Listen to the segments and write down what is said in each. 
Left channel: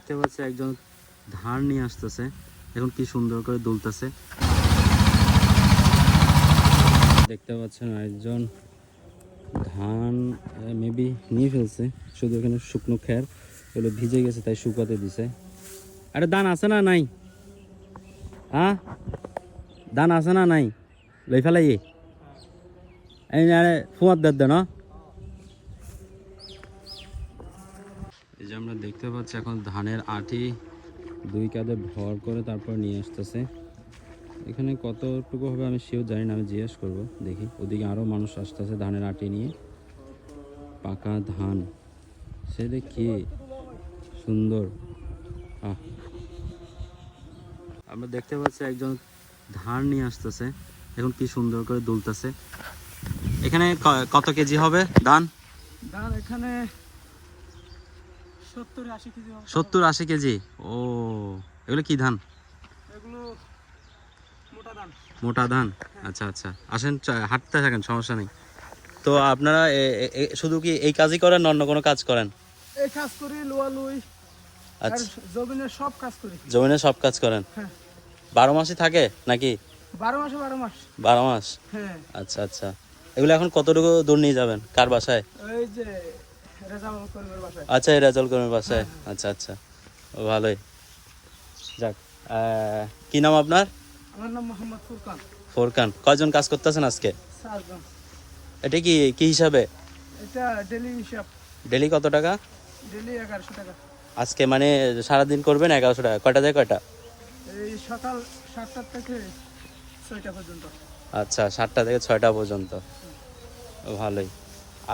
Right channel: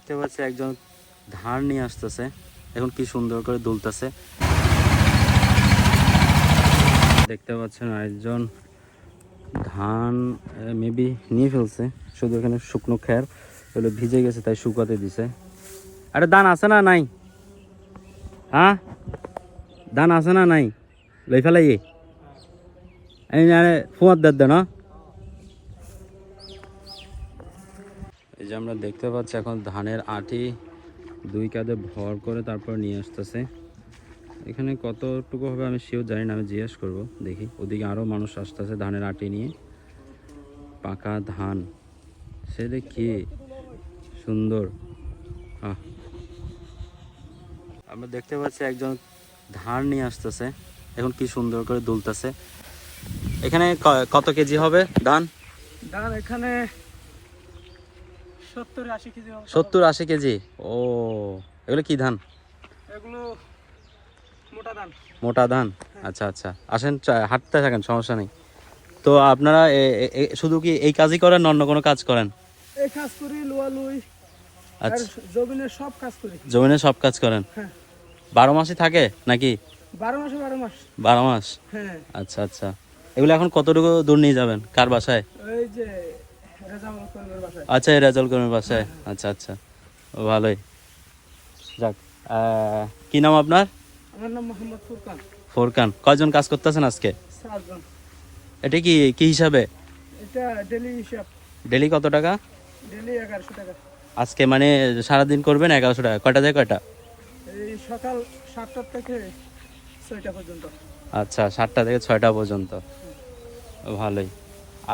দেখতে পাচ্ছি একজন ধান নিয়ে আসতেছে, এখন কি সুন্দর করে দুলতেছে। দেখতে পাচ্ছেন একজন ধান মেবি নিয়ে ফেলছে, শুধু এখানে শুকনো খ্যার এগুলো ভিজে গেছে তাই শুকাতে দিছে। আরে ধান আছে না নাই? হ্যাঁ ধান আছে না নাই? লই ফেলাই এই ফুয়ার দেন না। এই যে আমরা দেখতে পাচ্ছি এখন ধানের আটি 2 কাঁধে ভর করে তারপর নিয়ে আসতেছে। এখানে কতটুকু হবে আমি শিওর জানি না, আমি জিজ্ঞেস করবো। দেখি ওদিকে আরও মানুষ আসতেছে ধানের আটি নিয়ে। পাকা ধান সে দেখি সুন্দর। আমরা দেখতে পাচ্ছি একজন ধান নিয়ে আসতেছে, এখন কি সুন্দর করে দুলতেছে। এখানে কত কেজি হবে ধান? ধান এখানে 70-80 কেজি হবে। 70-80 কেজি। ও এগুলো কি ধান? এগুলো মোটা ধান। মোটা ধান। আচ্ছা আচ্ছা, আসেন হাঁটতে থাকেন, সমস্যা নেই। তো আপনারা শুধু কি এই কাজই করেন, অন্য কোনো কাজ করেন? এই কাজ করি, লোয়া লুই আর জমিনের সব কাজ করি। জমিনের সব কাজ করেন? হ্যাঁ। 12 মাসই থাকে নাকি? 12 মাসে 12 মাস। 12 মাস। হ্যাঁ। আচ্ছা আচ্ছা, এগুলো এখন কতটুকু দূর নিয়ে যাবেন, কার বাসায়? এই যে রেজাউল করিমের বাসায়। আচ্ছা, রেজাউল করিমের বাসায়। আচ্ছা আচ্ছা, ভালোই। যাক, কি নাম আপনার? আমার নাম মোহাম্মদ ফুরকান। ফুরকান। কয়জন কাজ করতেছেন আজকে? 4 জন। এটা কি কি হিসাবে? এটা ডেলি হিসাব। ডেলি কত টাকা? ডেলি 1100 টাকা। আজকে মানে সারাদিন করবেন 1100 টাকা। কয়টা থেকে কয়টা? এই সকাল 7টা থেকে 6টা পর্যন্ত। আচ্ছা, 7টা থেকে 6টা পর্যন্ত। ভালোই।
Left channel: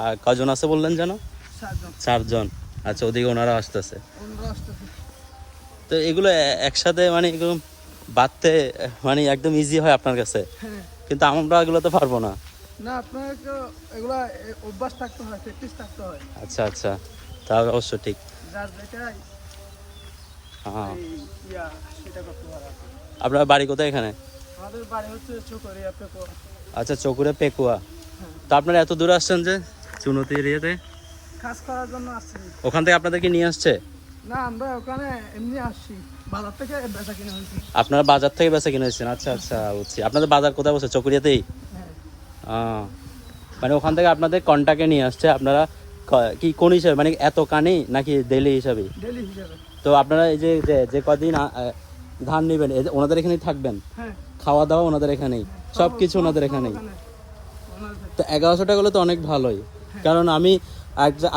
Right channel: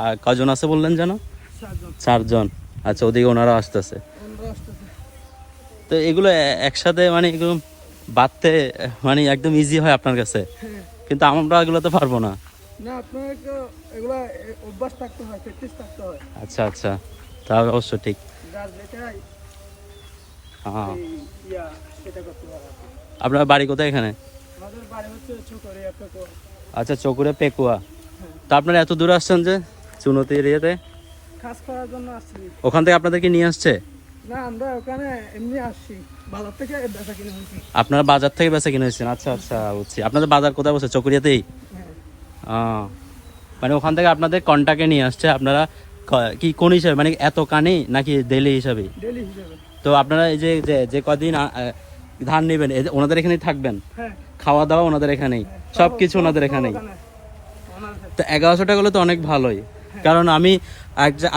আর কয়জন আছে বললেন যেন? 4 জন। 4 জন। আচ্ছা, ওদিকে ওনারা আসতেছে। তো এগুলো একসাথে মানে একদম বাঁধতে মানে একদম ইজি হয় আপনার কাছে, কিন্তু আমরা এগুলো তো পারবো না। না, আপনার এগুলা অভ্যাস থাকতে হয়, প্র্যাকটিস থাকতে হয়। আচ্ছা আচ্ছা, তা অবশ্য ঠিক। যার যেটাই সেটা করতে পারে। আপনার বাড়ি কোথায় এখানে? আমাদের বাড়ি হচ্ছে চকরিয়া পেকুয়া। আচ্ছা, চকুরে পেকুয়া। তো আপনারা এত দূরে আসছেন যে চুনতি এরিয়াতে? কাজ করার জন্য আসছি। ওখান থেকে আপনাদেরকে নিয়ে আসছে? না, আমরা ওখানে এমনি আসছি, বাজার থেকে বেচা কিনা হয়েছে। আপনারা বাজার থেকে বেচা কিনে হয়েছেন? আচ্ছা আচ্ছা, বুঝছি। আপনাদের বাজার কোথায় বসে? চকুরিয়াতেই? মানে ওখান থেকে আপনাদের কন্টাক্টে নিয়ে আসছে। আপনারা কি কোন হিসাবে, মানে এত কানেই নাকি ডেলি হিসাবে? ডেলি হিসাবে। তো আপনারা এই যে যে কদিন ধান নেবেন ওনাদের এখানেই থাকবেন? খাওয়া দাওয়া ওনাদের এখানেই, সবকিছু ওনাদের এখানেই। তো 1100 টাকা হলে তো অনেক ভালোই। কারণ আমি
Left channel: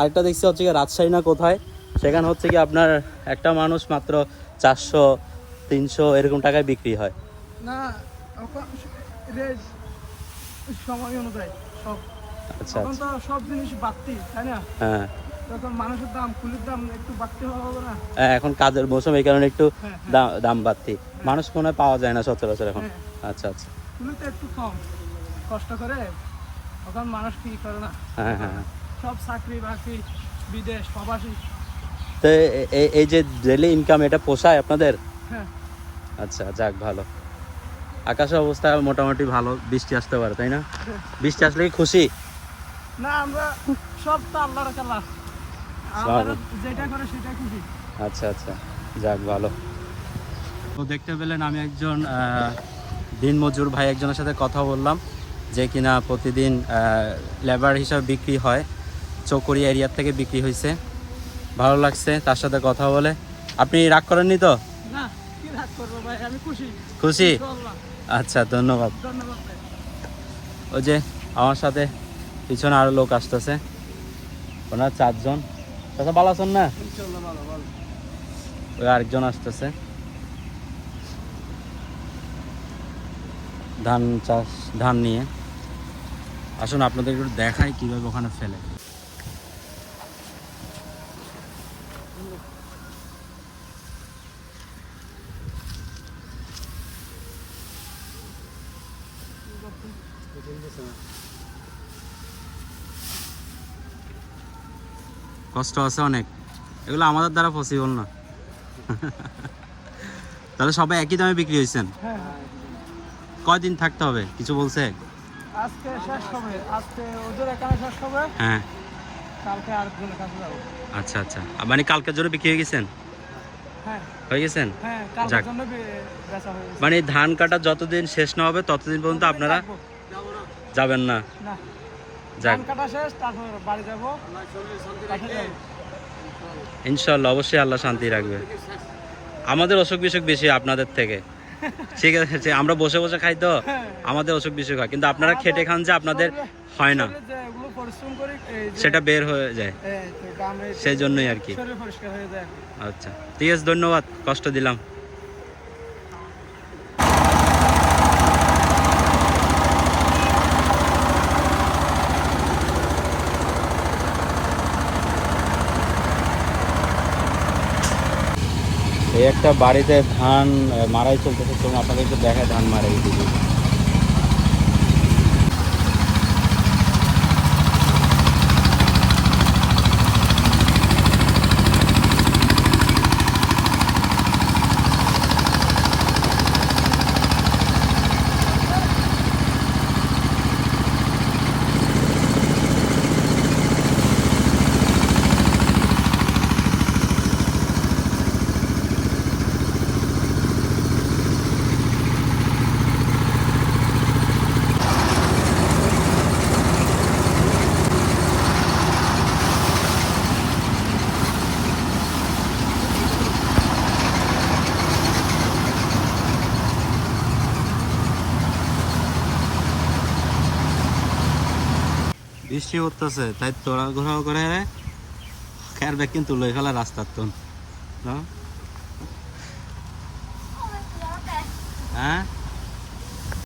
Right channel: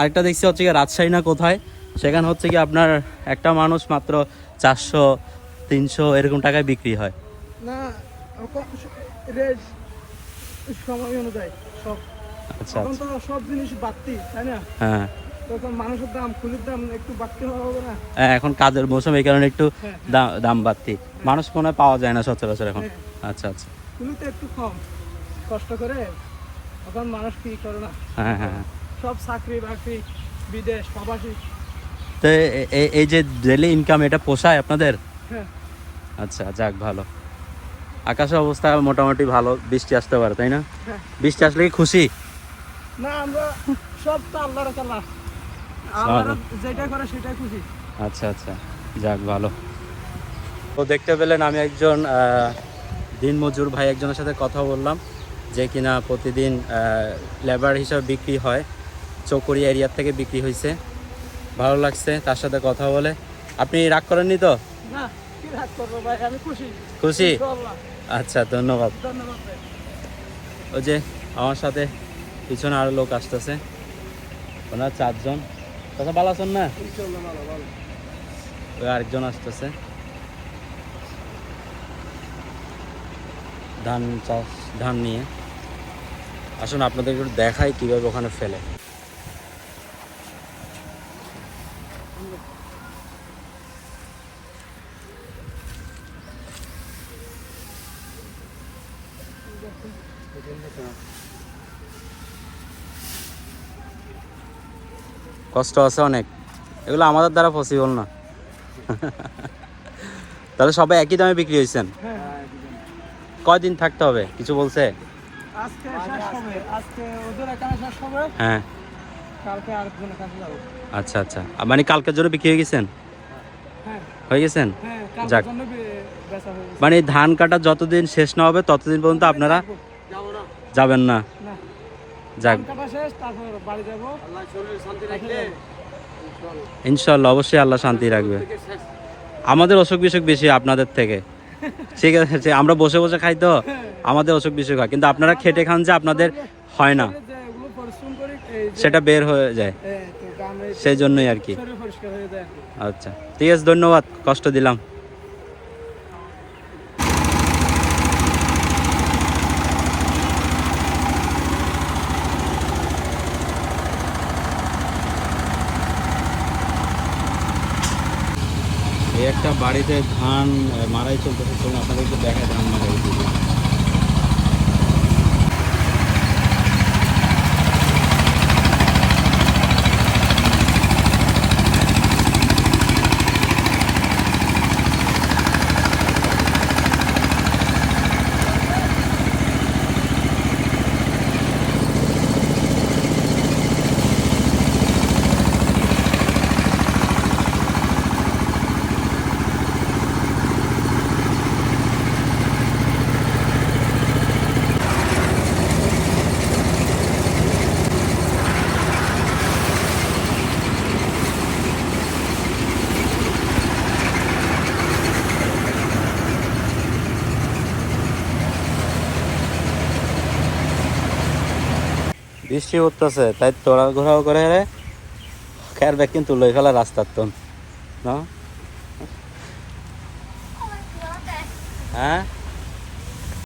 আরেকটা দেখছি হচ্ছে কি রাজশাহী না কোথায়, সেখানে হচ্ছে কি আপনার একটা মানুষ মাত্র 400-300 এরকম টাকায় বিক্রি হয়। না, সময় অনুযায়ী সব। এখন তো সব জিনিস বাড়তি, তাই না? হ্যাঁ, তখন মানুষের দাম, কুলির দাম একটু বাড়তি হবে না? হ্যাঁ, এখন কাজের মৌসুম, এই কারণে একটু দাম বাড়তি। মানুষ কোনো পাওয়া যায় না সচরাচর এখন। আচ্ছা আচ্ছা, কুলিতে একটু কম কষ্ট করে এখন মানুষ কি করে না, সব চাকরি বাকরি, বিদেশ প্রবাসী। তো এই যে ডেইলি ইনকাম, এটা পোষায় আপনাদের? হ্যাঁ। আচ্ছা, যাক ভালো। আকাশের অবস্থা মোটামুটি ভালো, বৃষ্টি আসতে পারে তাই না? বৃষ্টি আসলে কি খুশি? না, আমরা সব তো আল্লাহর খেলা, আল্লাহর যেটা করে সেটাই খুশি। আচ্ছা আচ্ছা, যাক ভালো। তো দেখতে পেলেন আমি একজন দিনমজুর ভাই একজনের সাথে কথা বললাম, যে কিনা প্রতিদিন লেবার হিসাবে বিক্রি হয়, চকরিয়া এরিয়া থেকে বিক্রি হয়েছে। ভালো লাগছে তার সাথে কথা বলে। আপনি রাগ করেননি তো? না, কি রাগ করবো ভাই, আমি খুশি। খুশি? আচ্ছা, ধন্যবাদ। ধন্যবাদ ভাই। ওই যে আমার সাথে পিছনে আরো লোক আসতেছে, ওনার 4 জন। কথা ভালো আছেন না? ওই আরেকজন আসতেছে ধান চাষ, ধান নিয়ে। আসুন আপনাদের একটু দেখাই কিভাবে ওখানে ফেলে। কষ্ট আছে অনেক, এগুলো আমাদের দ্বারা পসিবল না। তাহলে সবাই একই দামে বিক্রি হয়েছেন? কয়দিন থাকতে হবে কিছু বলছে? আজকে শেষ হবে, আজকে ওদের এখানে শেষ হবে। হ্যাঁ, কালকে আরেকজনের কাছে যাবো। আচ্ছা আচ্ছা, মানে কালকের জন্য বিক্রি হয়ে গেছেন? হ্যাঁ হয়ে গেছেন? হ্যাঁ যাক। কালকের জন্য বেচা হয়ে গেছে। মানে ধান কাটা যতদিন শেষ না হবে ততদিন পর্যন্ত আপনারা যাবেন না? না, যাক, ধান কাটা শেষ, তারপর বাড়ি যাবো। ইনশাল্লাহ অবশ্যই আল্লাহ শান্তি রাখবে। আমাদের অসুখ বিসুখ বেশি আপনাদের থেকে, ঠিক আছে? আমরা বসে বসে খাই তো, আমাদের অসুখ বিসুখ হয়, কিন্তু আপনারা খেটে খান যে আপনাদের হয় না, ওগুলো পরিশ্রম করি, এই যে সেটা বের হয়ে যায়, তো দামে সেই জন্যই আর কি। শরীর পরিষ্কার হয়ে যায়। আচ্ছা ঠিক আছে, ধন্যবাদ, কষ্ট দিলাম। এই একটা বাড়িতে ধান মারাই চলতেছে, চলুন আপনাদেরকে দেখায় ধান মারাই দিদি। বৃষ্টি উঠতেছে, তাই তোরা ঘোরাও করে রে খেয়ার ব্যাগ কিন্তু লই ফেলা রাস্তার তো না। হ্যাঁ